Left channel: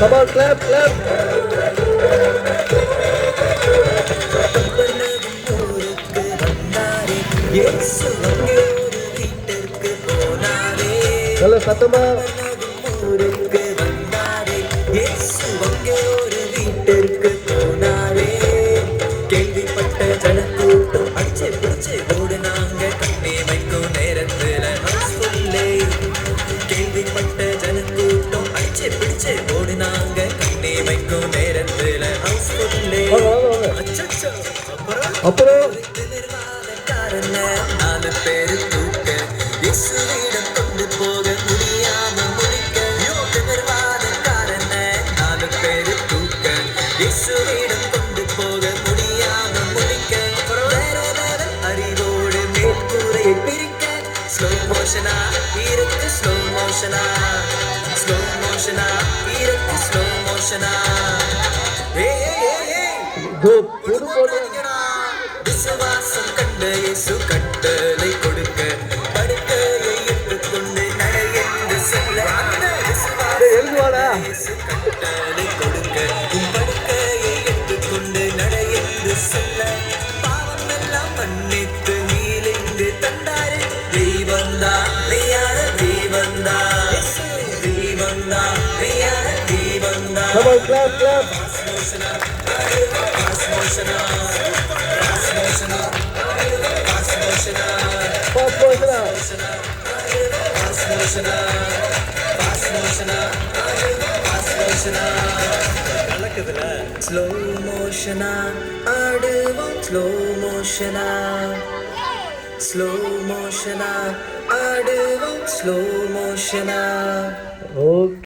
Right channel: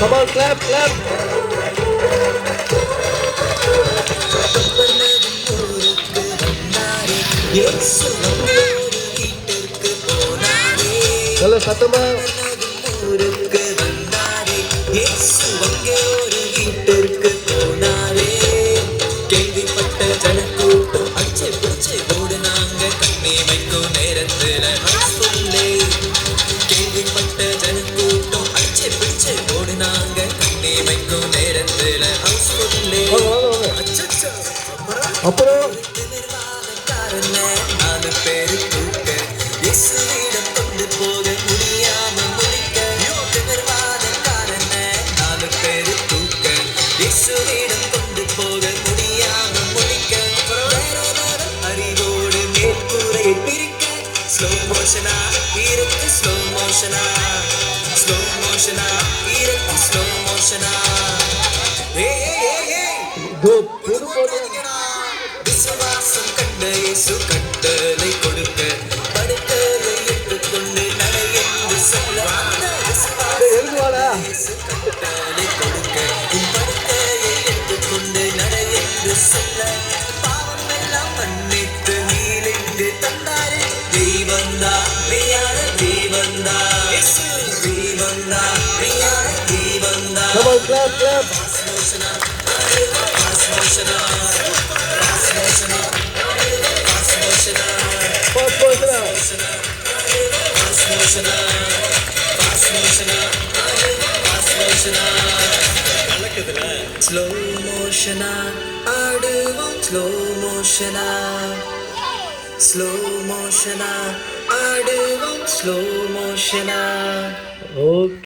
Come on, clap, clap. நல்ல சத்தமா. கேள்விப்பட்ட ஜனக்கூட்டம் அச்சை பிடிச்சு ஓடுனாங்க கண்ணே வைக்கும் நேரத்துல கேள்விப்பட்ட ஜனக்கூட்டம் அச்சை பிடிச்சு ஓடுனாங்க கண்ணே வைக்கும் நேரத்துல அப்புறம் 4 பேரு தூக்க இயேசுவிடம் கொண்டு போக முடியாம முடிக்க நிர்வாதக்காரன 4 பேரு தூக்க இயேசுவிடம் கொண்டு போக முடியாம முடிக்க அறிவோடு மேற்கூரையை பிரிக்க ஸ்லோ மோஷனா இருக்கு ஸ்லோ மோஷனா இருக்கு ஸ்லோ மோஷனா விசுவாசம் கண்ட இயேசு கட்டளை கொடுக்க படுக்கையை எடுத்துக்கொண்டு நட என்று சொல்ல இயேசு கட்டளை கொடுக்க படுக்கையை எடுத்துக்கொண்டு நட என்று சொல்ல பாவம் எல்லாம் மன்னித்து நீலென்று தந்தாரு தெய்வந்தா பிரியாத தெய்வந்தா இயேசு தெய்வந்தா பிரியாத தெய்வந்தா ஸ்லோ மோஷனா ஆடுவோம் ஸ்லோ மோஷனா ஸ்லோ மோஷனா ஆடுவோம் ஸ்லோ மோஷனா. ஓகே.